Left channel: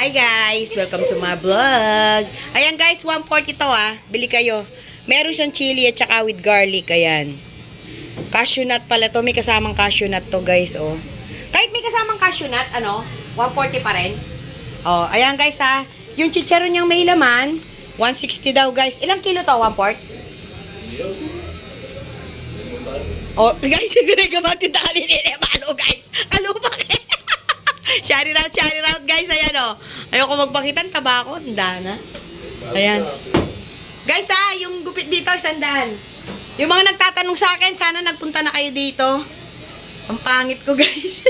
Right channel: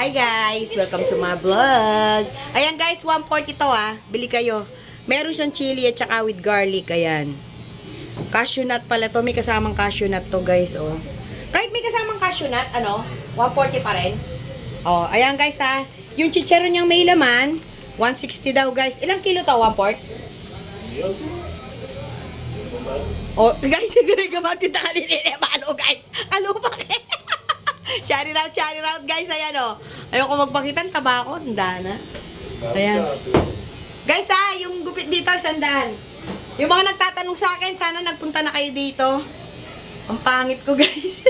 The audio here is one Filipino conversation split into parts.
Hi guys! Welcome to my vlog. Ayan guys, 140 to bili kayo. Meron siyang chili at saka with garlic. Ayan. Cashew nut pala to. May kasamang cashew nut to guys, oh. Kahit may kasamang cashew nut, 140 pa rin. Oh, ayan guys Yung chicharon niyang may laman, 160 daw guys. Ilang kilo to? 1/4? Oh, guys, gamati tali ni Malo guys. Alo pa Shout out guys, ayan Ayoko magpakita ng tabako, tanda na. Ayan. Guys yung gupit dito, 100. Yung mga nagtatanong sa akin, sana nagpunta na kayo dito. Ang pangit ko guys.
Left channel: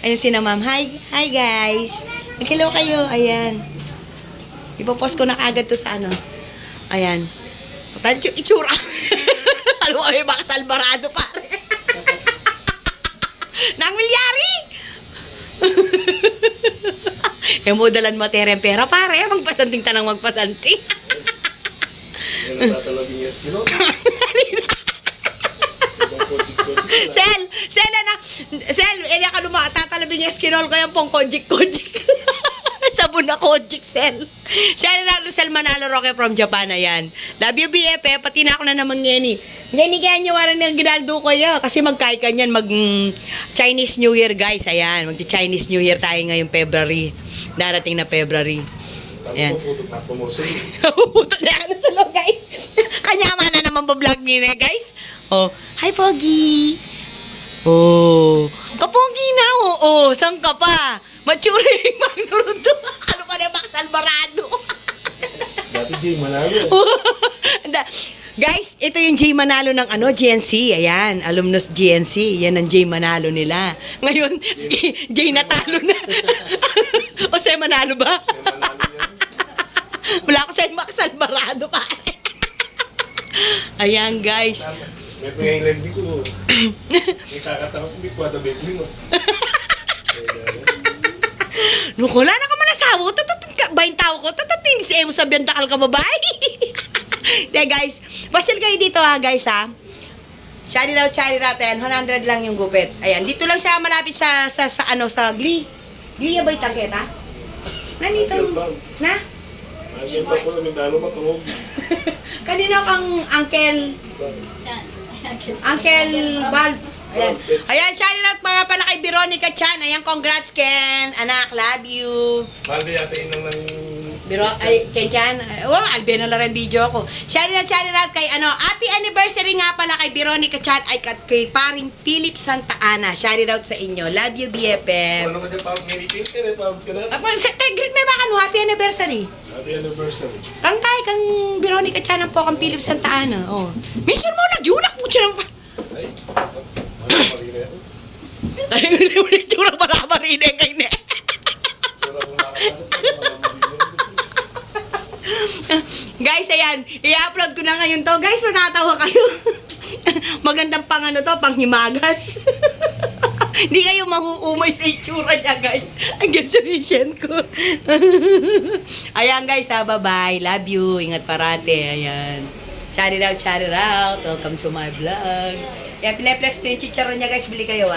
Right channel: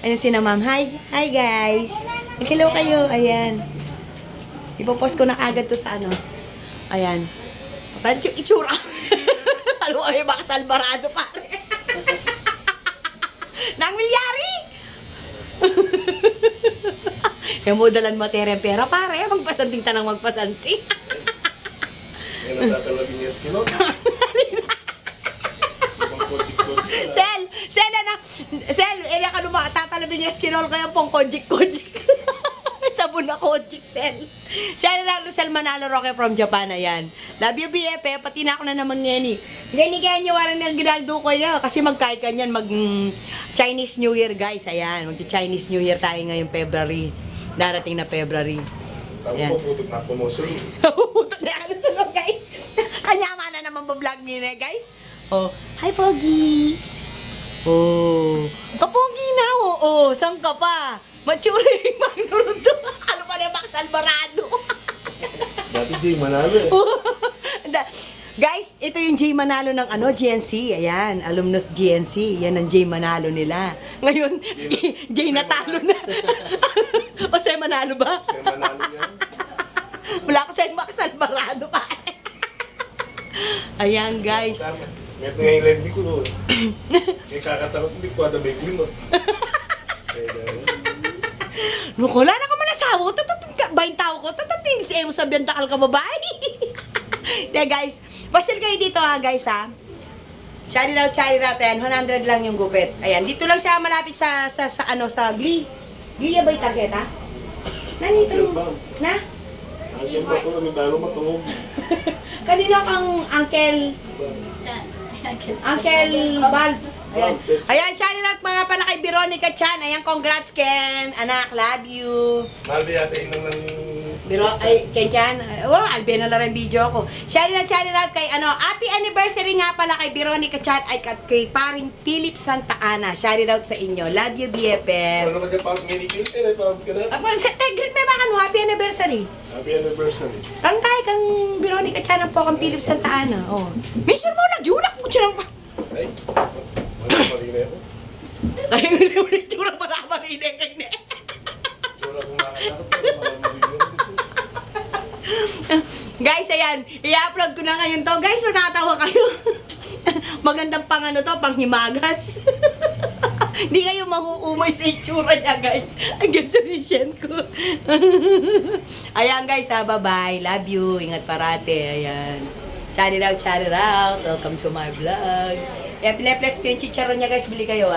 Ayan si na ma'am. Hi guys. Hello kayo, ayan. Ipopost ko na agad to sa Ayan. Itsura. Alam mo, may baka salbarado pare. Nang milyari. Yung modalan mo tereng pera pare, magpasanting tanang magpasanting. Yan ang tatalabing yes kilo. Sel, ele ka tatalabing eskinol ko yung pong kojik. Sabon na kojik, Sel. Shout out to Sel Manalo Roque from Japan, ayan. Love you, BF, pati na ako na naman ngeni. Ngeni kaya nyo waran ng ginaldo ko niya. Kasi magkait ka niyan, Chinese New Year, guys, ayan. Chinese New Year tayo ngayong February. Darating na February. Ayan. Puputok na promotion. Puputok na ako sa loob, guys. Kanyama na naman pa-vlog niya, guys. Oh, hi, Pogi. Oh, kapogi na, saan ka pa? Maturing magnuruto. Ano pa na yung Salvarado? Dati Jay Manalo. Guys, ito yung Jay Manalo ng GNC. Ayan, alumnus GNC. Yan ang Jay Manalo nila. Ngayon, Jay natalo na. O Jay Manalo ba? Jay Manalo yan. Wala ko sa Max Alvarado pa. Ayan, guys. Meron nga yung lendi ko doon. May kakatarap hindi ko ada bacon mo. Nung wala na ka manasawo, bayin tao ko, tatating si Emo sabihan takal ka babae. Kaya guys, pasyal kayo dito guys Shout out, ayan, 100 lang yung gupit. Ayan, dito lang siya malapit sa Glee. Glee ba yung target Nanito, na? Ayun pa po na may dalo matulog. Kanino kang Uncle Bal? Ayan, shout out mga pala kay Veronica Chan. Ayan, congrats Ken. Anak, love you. Malbi yata yun ng Ken Chan. Oh, albe na lang video ko. Shout out kay happy anniversary nga pala kay Veronica Chan ay kay paring Philip Santa Ana. Shout out sa inyo. Love you, BFF. Ano ka dyan parang nilipin? Pawag ka na. Greet may baka happy anniversary. Happy anniversary. Kantay kang Veronica Chan po kang Philip Santa Ana. Oh. Mission mo nagyulak mo siya ng Ay, marina ako. Kaya nga naman yung tsura para marina kayo na. Sura kong nakasarap ay marina. Guys, ayan. I-upload ko na ngayon to. Guys, matatawa kayo. Magandang pang himagas. Hindi kayo mahuumay sa itsura niya, guys. Ang gensonation ko. Ayan, guys, bye-bye. Love you. Ingat parate. Ayan. Shout it out. Welcome to my vlog. Kaya pineplex ko yung chicharon niya, guys. Bili kayo,